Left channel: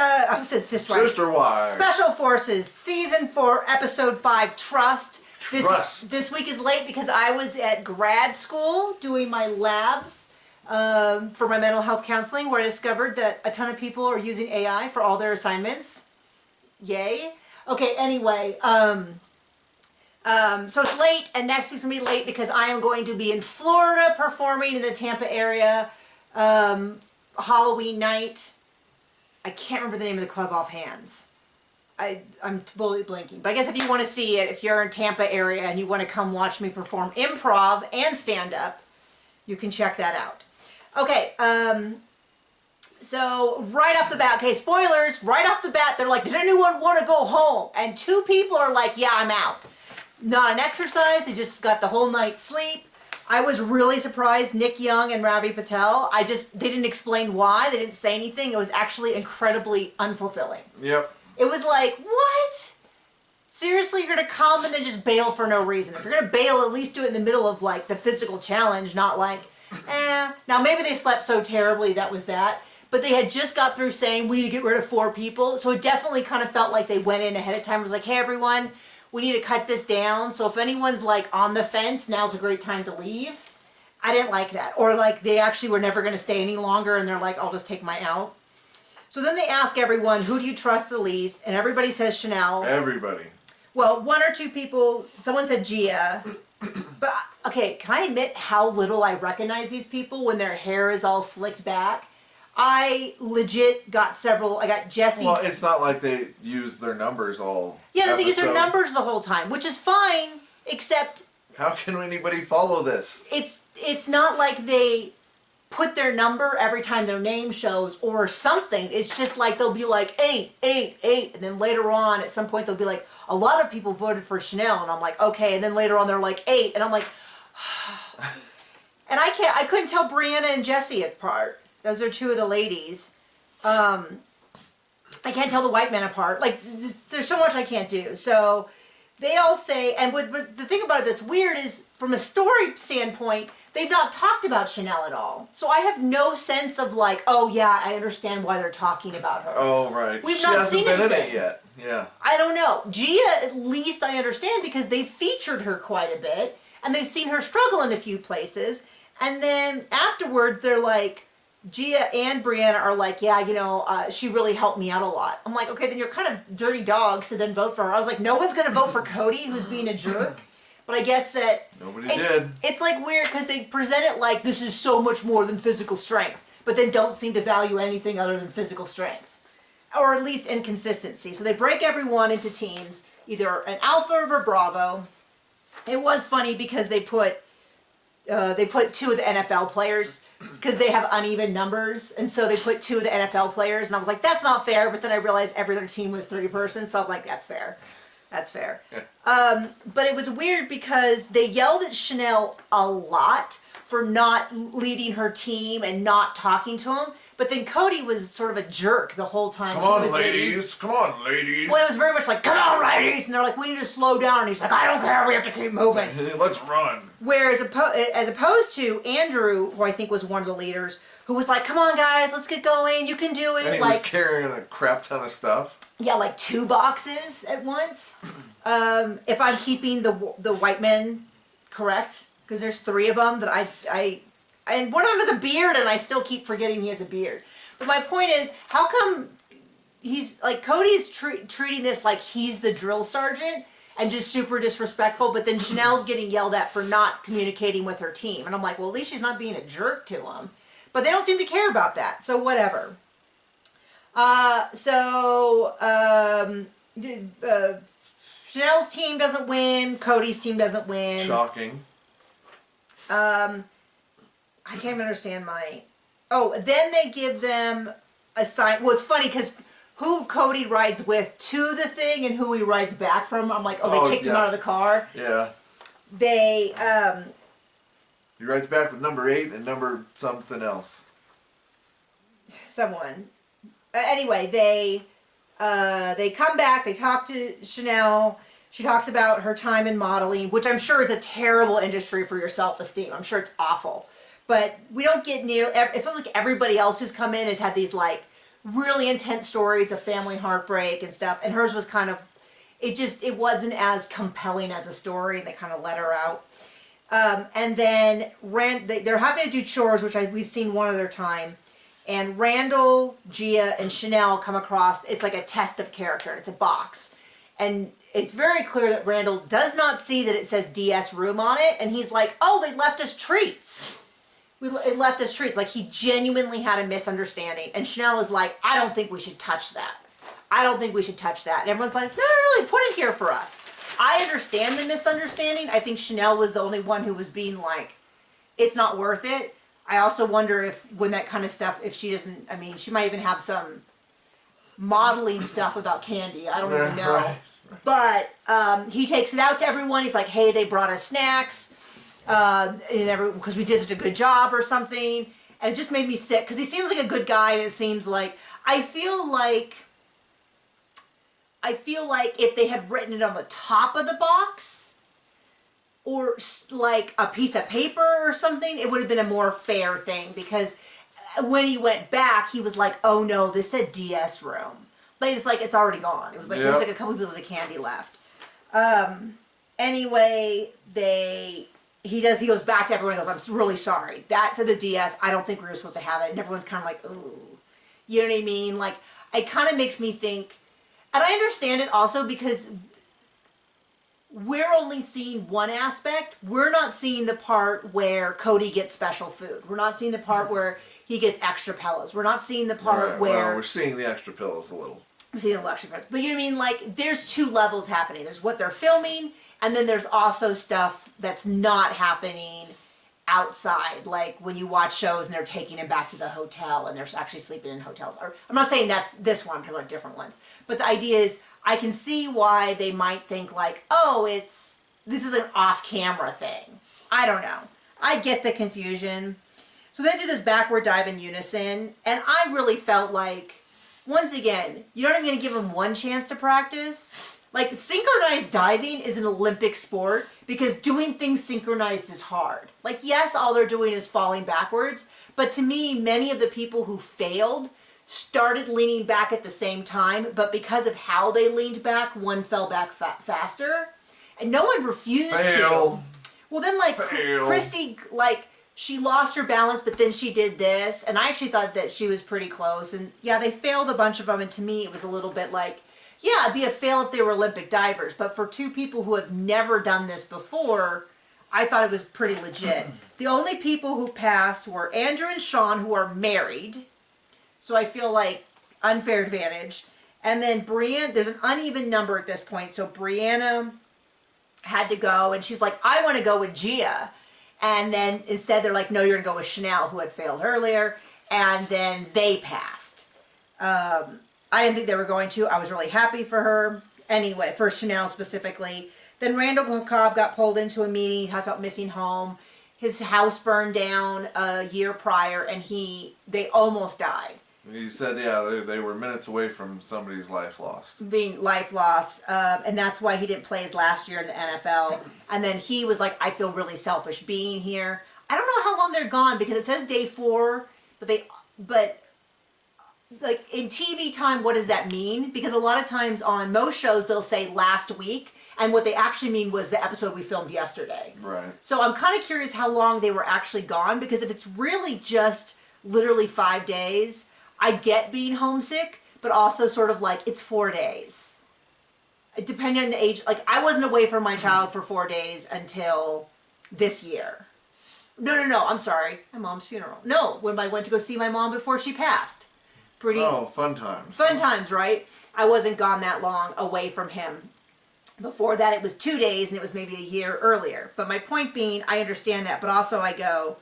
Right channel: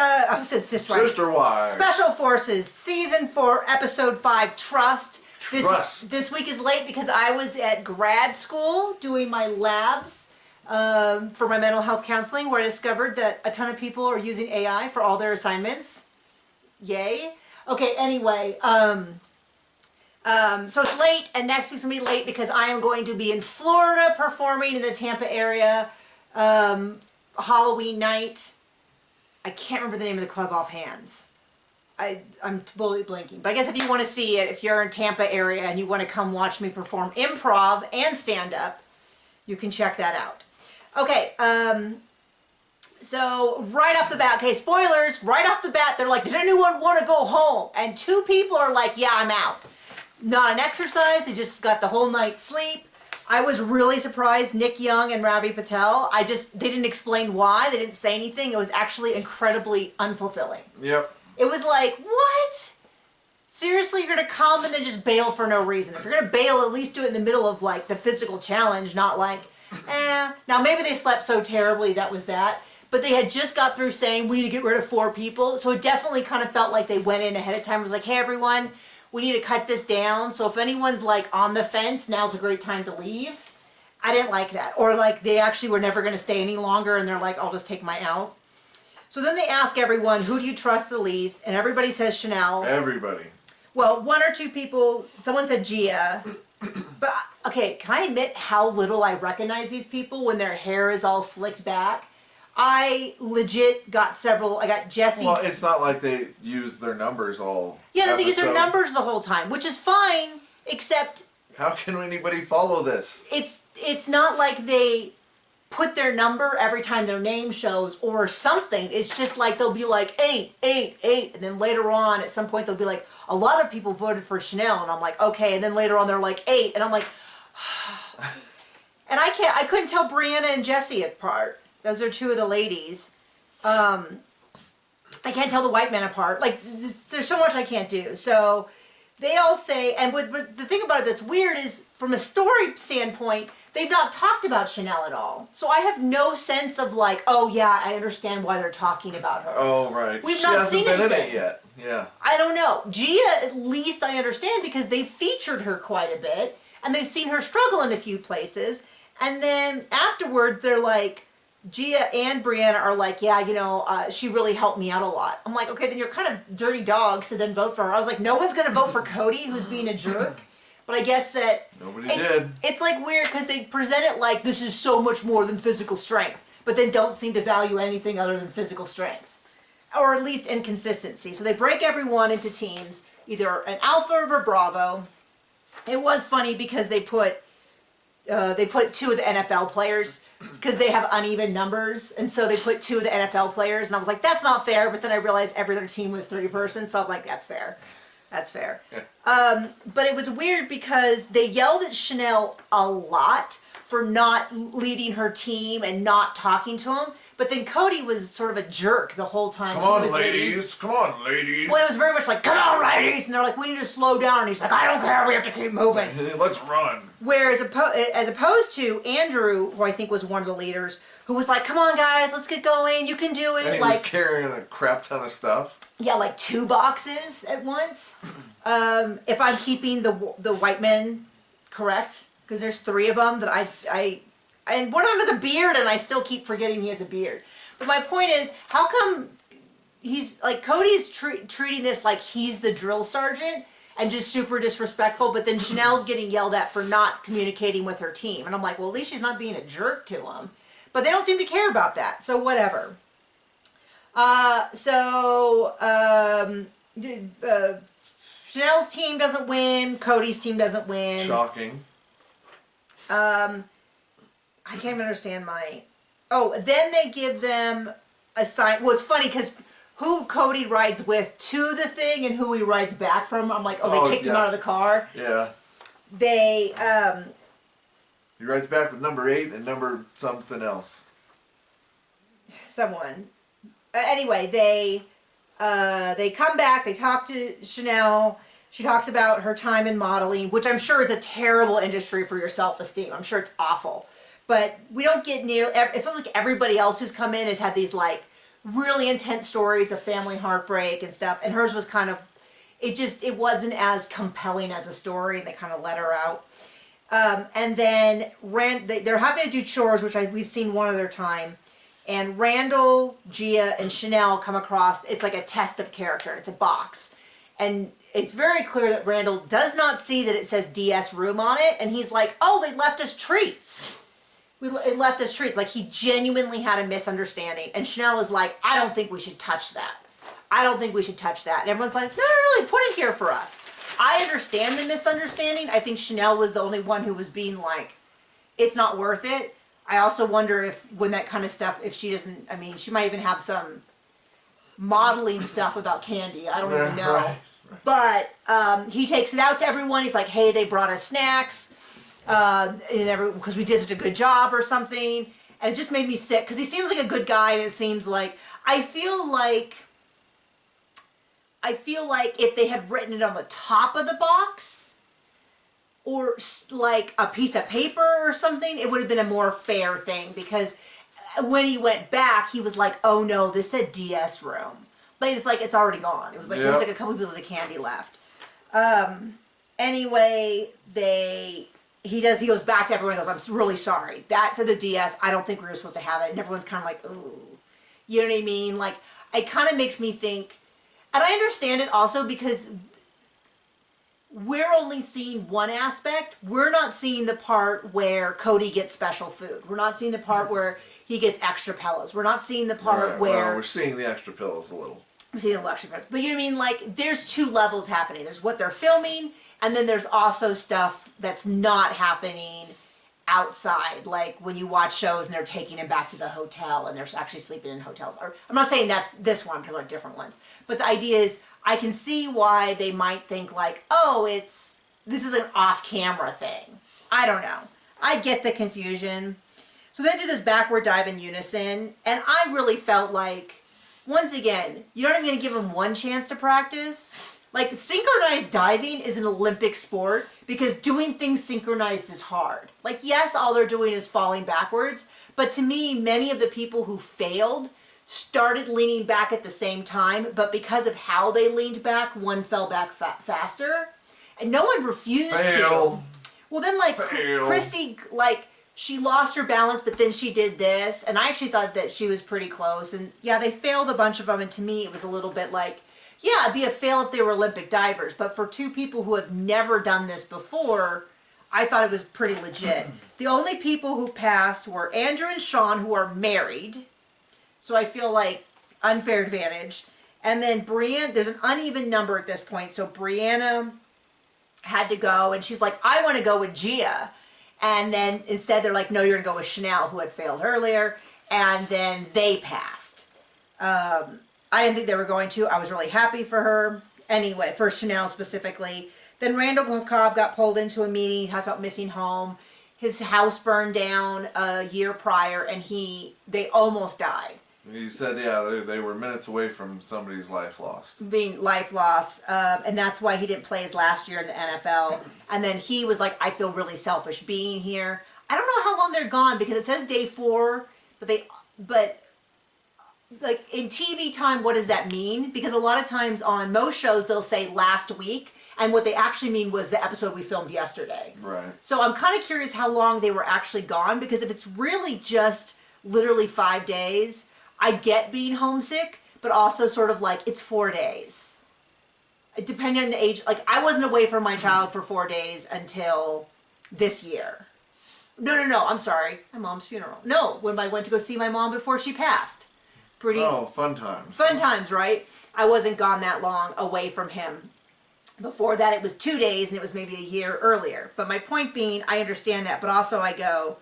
I said Sister Wives. Sister Wives. Special Forces, Season 4, Episode 5, Trust. This week is late because I was at grad school doing my labs for my mental health counseling, where I discovered that a ton of people are using AI for all their assignments. Yay. Okay, anyway, so it's late, and next week's going to be late because I am going to be in Florida performing in the Tampa area Halloween night. I can't remember the name of the club offhands. I'm totally blanking. But I guess if you want to see it, if you're in Tampa area and you want to come watch me perform improv and stand-up, you can check that out. Okay, so right off the bat, okay, spoilers, right off the bat, they're like, does anyone want to go home? And 2 people are like, yeah, I'm out. Not an exercise, they just got the whole night's sleep. I was really surprised, Nick Young and Ravi Patel, they didn't explain why, they didn't say anything. It was actually incredibly unfulfilling. Yep. It was like, what? Seriously, you're going to come and then just bail for no reason. If you're going to bail, at least do it in the middle of, like, the physical challenge, not like, eh. Now, maybe they slept so terribly, that was that. But they had just got through saying, we need to get rid of 4 people. So it definitely kind of felt like they went in ahead of time. It was like, hey, everyone, we need to cut this down. So if anyone's, like, on the fence, now's a great time to leave. I didn't like that. Or, like, they actually were never going to stay any longer, and they're like, I'll just take my out. So then they ask everyone, who do you trust the least? And everybody says Chanel. Everybody. Well, 1 or 2 people, someone said Gia. But, okay, can I admit how little I recognize these people when their hair is all slicked back? I legit got several. I got Jesse. Well, it's not like they use their numbers all. Yeah, they use their numbers the whole time, which is fine, except. How can anybody follow this? It's not like they put their number every time their name shows or something. It's just like they'll be like 8, 8, 8, and then later on at some point they'll be like, a lot of people voted for Chanel, and I'm like, okay, and then later on they're like 8, and I'm like, and I couldn't tell Brianna and Jessie apart. Those are 2 of the ladies. I can't tell the white men apart. Like, there's so much I can't do. So they all say, and but the thing about it that's weird is, from a story standpoint, they've not talked about Chanel at all. So I have no sense of like, oh yeah, I understand why they're talking about her. Oh, right. We've not seen anything. She hasn't been in it yet. Yeah. I don't know. Gia, at least I understand, because they've featured her quite a bit, and they've seen her struggle in a few places. And then afterward, they're like, Gia and Brianna are like, yeah, you know, she really helped me out a lot. I'm like, okay, then you're kind of dirty dogs, so then vote for her. I was like, no one's going to vote for Cody, who's being a jerk. But I guess that... Nobody did. It's like weird, because they present it like this is so much more than physical strength, but then don't seem to value anything other than physical strength. Or at least inconsistency. So they break everyone into teams, either an Alpha or a Bravo. It was funny because they put 2 of the NFL players, because they have uneven numbers, and so they put 2 of the NFL players, and I was like, that's not fair, but then I realized every other team was 3 persons, so I'm like, that's fair. That's fair. Yeah. But it was weird because they yelled at Chanel a lot for not leading her team and not talking to him, but then Cody was sort of a jerk the whole time. Come on, ladies. Come on, ladies. Well, it was very much like, come on, ladies, and they're like, we need to slow down, and he's like, I don't care, we have to keep moving. Let's run. Whereas as opposed to Andrew, who I think was one of the leaders, who was like, come on, guys, let's get going, you can do it. And he was carrying a crap ton of stuff. Yeah, like 2 boxes at once. If I'm keeping the white men correct, because there's 3 of them that and one of them has a beard, and I still keep forgetting he has a beard. But my point is, how come he's like, Cody's treating this like he's the drill sergeant and just super disrespectful, but then Chanel's getting yelled at for not communicating with her team, and I'm like, well, at least she's not being a jerk to him. But they don't seem to care about that, so whatever. Chanel's team doesn't win. Cody's team doesn't win. Shocking. I can't even understand my... Oh, then they give them a sign... Well, it's funny because who Cody rides with to the thing and who he rides back from, I'm like, oh, they kicked him out of the car. Yeah. They... He rides back with number 8 and number something else. Someone. Anyway, they come back, they talk to Chanel. She talks about her time in modeling, which I'm sure is a terrible industry for your self-esteem. I'm sure it's awful. But we don't get near... It feels like everybody else who's come in has had these, like, really intense stories of family heartbreak and stuff. And hers was kind of, it wasn't as compelling as a story. They kind of let her out. And then they're having to do chores, which we've seen one other time. And Randall, Gia, and Chanel come across, it's like a test of character. It's a box. And it's very clear that Randall does not see that it says DS room on it. And he's like, oh, they left us treats. It left us treats. Like, he genuinely had a misunderstanding. And Chanel is like, I don't think we should touch that. I don't think we should touch that. And everyone's like, no, really, put it here for us. I understand the misunderstanding. I think Chanel was the only one who was being like, it's not worth it. I also wonder if when that kind of stuff, if she doesn't, I mean, she might even have some modeling stuff about candy. I don't even know. Right. But he takes it out to everyone. He's like, hey, they brought us snacks because we did such a good job or something. And it just made me sick because he seems like a good guy, and it seems like, I feel like if they had written it on the top of the box, or like a piece of paper or something, it would have been a more fair thing, because when he went back, he was like, oh no, this said DS room. But it's like, it's already gone. It was like, there was like a couple pieces of candy left. Anyway, he goes back to everyone and goes, I'm really sorry. That said the DS, I don't think we were supposed to have it. And everyone's kind of like, ooh. You know what I mean? Like, it kind of makes me think, and I understand it also because we're only seeing one aspect. We're not seeing the part where Cody gets special food. We're not seeing the part where he gets extra pillows. We're not seeing the part where... Well, we're seeing the extra pillows a little. We're seeing the extra pillows. But you know what I mean? Like, there's two levels happening. There's what they're filming, and then there's also stuff that's not happening outside. Like, when you watch shows and they're taking him back to the hotel and they're actually sleeping in hotels. Or, I'm not saying that's this one. I'm talking about different ones. But the idea is, I can see why they might think like, oh, this is an off-camera thing. I don't know. I get the confusion. So they do this backward dive in unison, and I really felt like, once again, you're not even going to give them one chance to practice. Like, synchronized diving is an Olympic sport because doing things synchronized is hard. Like, yes, all they're doing is falling backwards, but to me, many of the people who failed started leaning back at the same time, but because of how they leaned back, one fell back faster, and no one refused to. Well, then, like, Christy, like, she lost her balance, but then she did this, and I actually thought that she was pretty close, and yeah, they failed a bunch of them, and to me, it was a little bit like, yeah, it'd be a fail if they were Olympic divers, but for two people who have never done this before, I thought it was pretty legit. The only people who passed were Andrew and Sean, who are married, so I feel like unfair advantage. And then Brianna, there's an uneven number at this point. So Brianna had to go, and she's like, I want to go with Gia. And then instead they're like, no, you're going to go with Chanel, who had failed earlier. And then they passed. I didn't think they were going to. I was really happy for her. Anyway, for Chanel specifically. Then Randall Cobb got pulled into a meeting. He talks about missing home. His house burned down a year prior, and they almost died. He said, yeah, they were minutes away from somebody's life lost. Being life loss. And that's why he didn't play his last year in the NFL. And then he was like, I feel really selfish being here. I don't know how long they're gone because it says day 4, but like in TV time, what does that mean? Because a lot of times on most shows, they'll say last week. And what they actually mean was the episode we filmed yesterday. Right. So I'm kind of curious how long they were actually gone, because if it's really just literally 5 days, I get being homesick, but also sort of like it's 4 days. Depending on the age, like I wasn't away from my child for 4 days until this year. No, I'm sorry. My mom's funeral. No, when I went to go see my mom before she passed. Oh, fun times. Fun times, right? I wasn't gone that long away from him. Before that, it was 2 days, and it was maybe a year earlier. But my point being, I understand that, but also I go,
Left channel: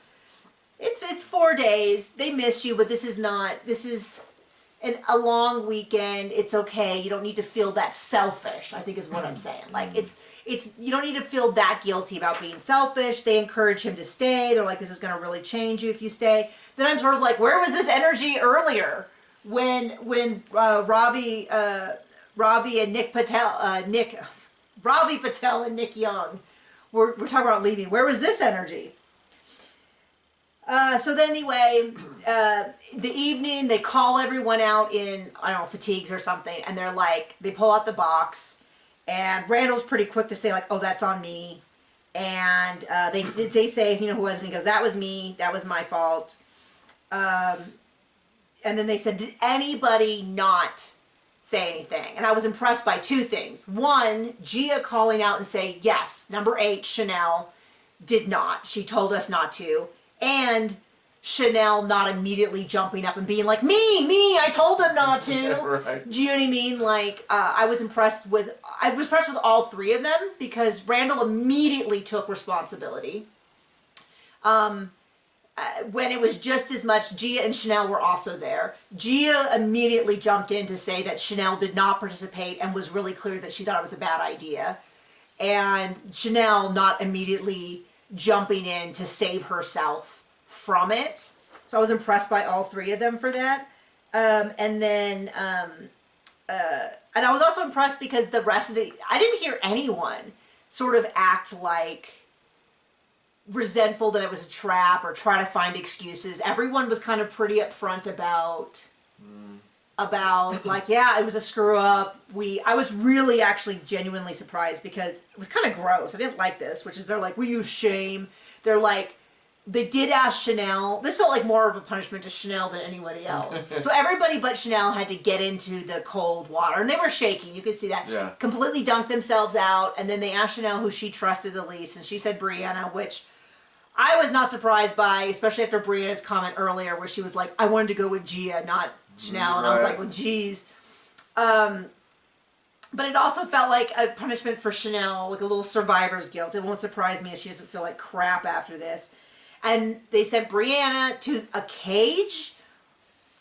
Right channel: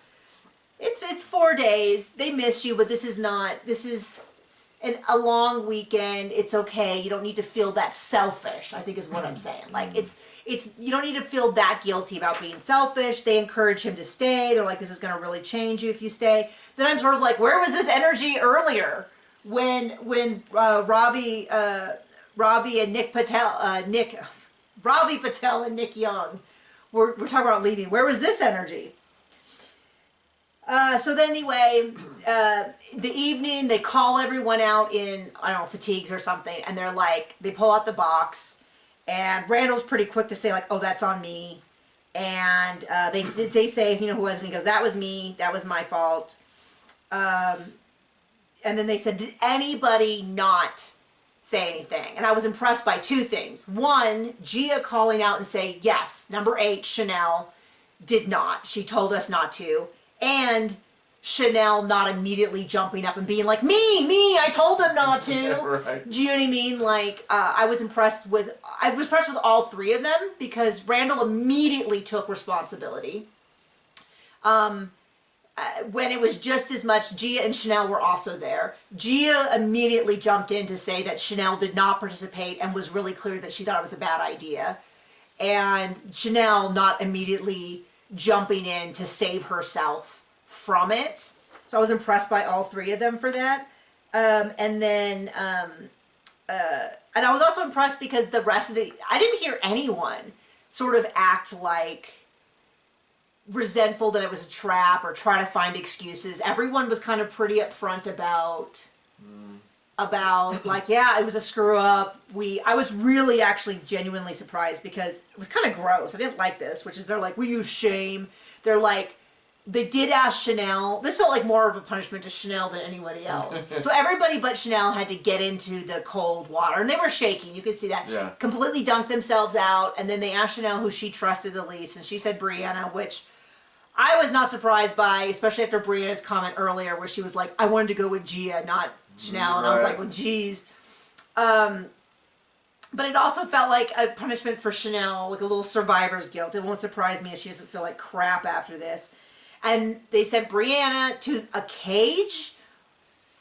it's 4 days. They miss you, but this is a long weekend. It's okay. You don't need to feel that selfish, I think is what I'm saying. Like, you don't need to feel that guilty about being selfish. They encourage him to stay. They're like, this is going to really change you if you stay. Then I'm sort of like, where was this energy earlier when Ravi and Nick Patel, Ravi Patel and Nick Young were talking about leaving? Where was this energy? So then anyway, the evening, they call everyone out in, I don't know, fatigues or something, and they're like, they pull out the box, and Randall's pretty quick to say, like, oh, that's on me. And they say, you know, who was it? And he goes, that was me, that was my fault. And then they said, did anybody not say anything? And I was impressed by two things. One, Gia calling out and say, yes, number 8, Chanel, did not. She told us not to. And Chanel not immediately jumping up and being like, me, I told them not to. Right. Do you know what I mean? Like, I was impressed with all 3 of them because Randall immediately took responsibility. When it was just as much, Gia and Chanel were also there. Gia immediately jumped in to say that Chanel did not participate and was really clear that she thought it was a bad idea. And Chanel not immediately jumping in to save herself from it. So I was impressed by all 3 of them for that. And I was also impressed because the rest of I didn't hear anyone sort of act like resentful that it was a trap or try to find excuses. Everyone was kind of pretty upfront about like, yeah, it was a screw up. I was really actually genuinely surprised because it was kind of gross. I didn't like this, which is they're like, we use shame. They're like, they did ask Chanel. This felt like more of a punishment to Chanel than anybody else. So everybody but Chanel had to get into the cold water. And they were shaking. You could see that. Yeah. Completely dunked themselves out. And then they asked Chanel who she trusted the least. And she said Brianna, which I was not surprised by, especially after Brianna's comment earlier where she was like, I wanted to go with Gia, not Chanel. And I was like, well, geez. But it also felt like a punishment for Chanel, like a little survivor's guilt. It won't surprise me if she doesn't feel like crap after this. And they sent Brianna to a cage.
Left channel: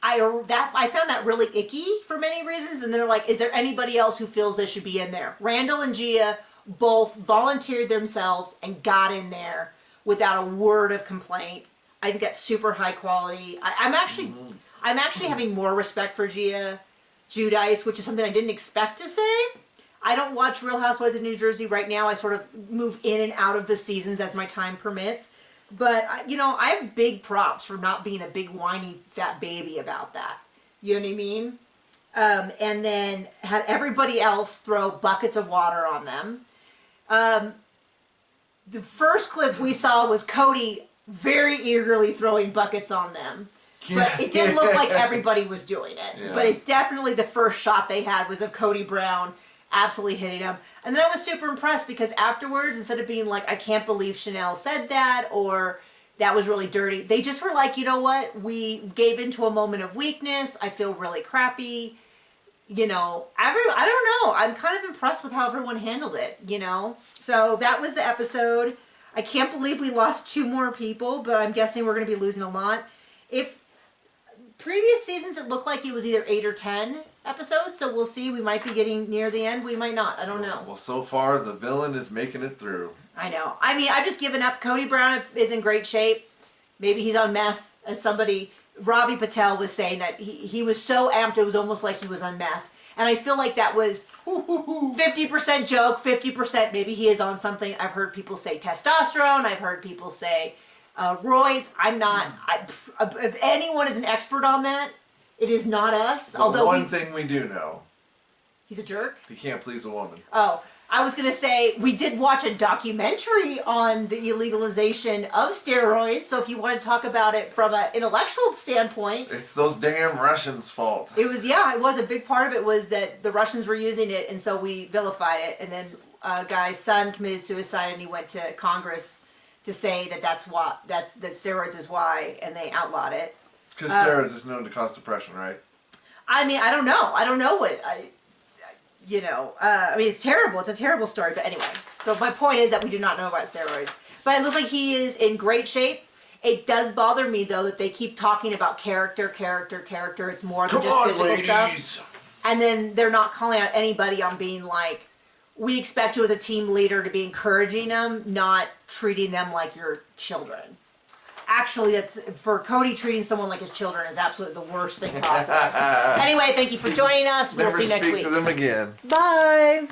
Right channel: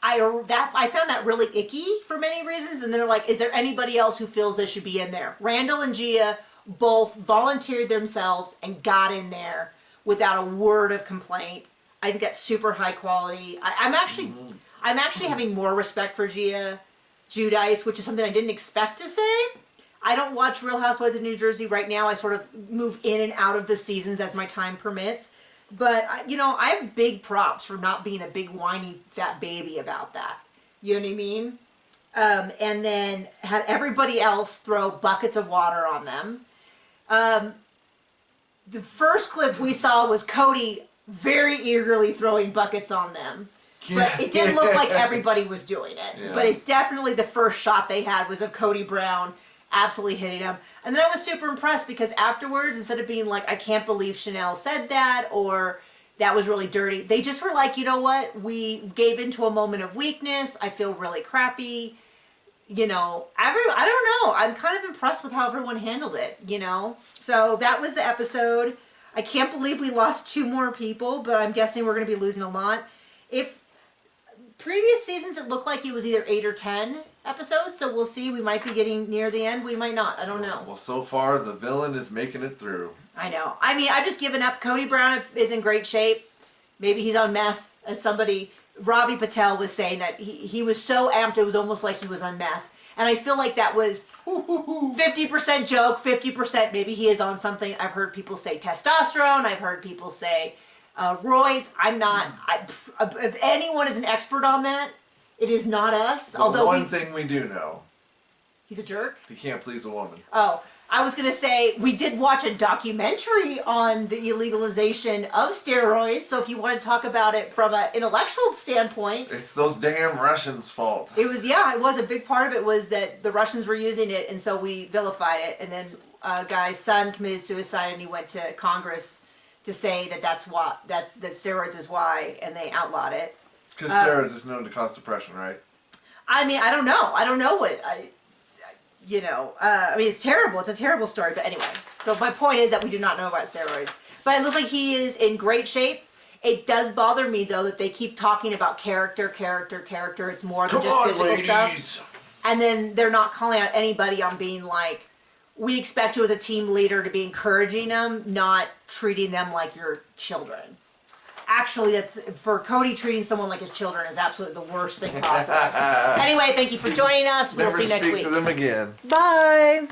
I found that really icky for many reasons. And they're like, is there anybody else who feels they should be in there? Randall and Gia both volunteered themselves and got in there without a word of complaint. I think that's super high quality. I'm actually having more respect for Gia Giudice, which is something I didn't expect to say. I don't watch Real Housewives of New Jersey right now. I sort of move in and out of the seasons as my time permits. But, you know, I have big props for not being a big whiny fat baby about that. You know what I mean? And then had everybody else throw buckets of water on them. The first clip we saw was Cody very eagerly throwing buckets on them. But it didn't look like everybody was doing it. Yeah. But it definitely, the first shot they had was of Cody Brown absolutely hitting him. And then I was super impressed because afterwards, instead of being like, I can't believe Chanel said that, or that was really dirty, they just were like, you know what? We gave into a moment of weakness. I feel really crappy. You know, I don't know. I'm kind of impressed with how everyone handled it, you know? So that was the episode. I can't believe we lost 2 more people, but I'm guessing we're going to be losing a lot. If previous seasons, it looked like it was either 8 or 10 episodes, so we'll see. We might be getting near the end. We might not. I don't know. Well, so far, the villain is making it through. I know. I mean, I've just given up. Cody Brown is in great shape. Maybe he's on meth, as somebody, Ravi Patel was saying that he was so amped, it was almost like he was on meth. And I feel like that was 50% joke, 50% maybe he is on something. I've heard people say testosterone. I've heard people say roids. I'm not. If anyone is an expert on that, it is not us. But although one thing we do know. He's a jerk? He can't please a woman. Oh, I was going to say, we did watch a documentary on the illegalization of steroids, so if you want to talk about it from an intellectual standpoint... It's those damn Russians' fault. It was, yeah, it was. A big part of it was that the Russians were using it, and so we vilified it, and then a guy's son committed suicide, and he went to Congress to say that that steroids is why, and they outlawed it. Because steroids is known to cause depression, right? I mean, I don't know. I don't know what... You know, I mean, it's terrible. It's a terrible story. But anyway, so my point is that we do not know about steroids. But it looks like he is in great shape. It does bother me, though, that they keep talking about character. It's more than just physical stuff. And then they're not calling out anybody on being like, we expect you as a team leader to be encouraging them, not treating them like your children. Actually, that's for Cody, treating someone like his children is absolutely the worst thing possible. Anyway, thank you for joining us. We'll see you next week. Never speak to them again. Bye.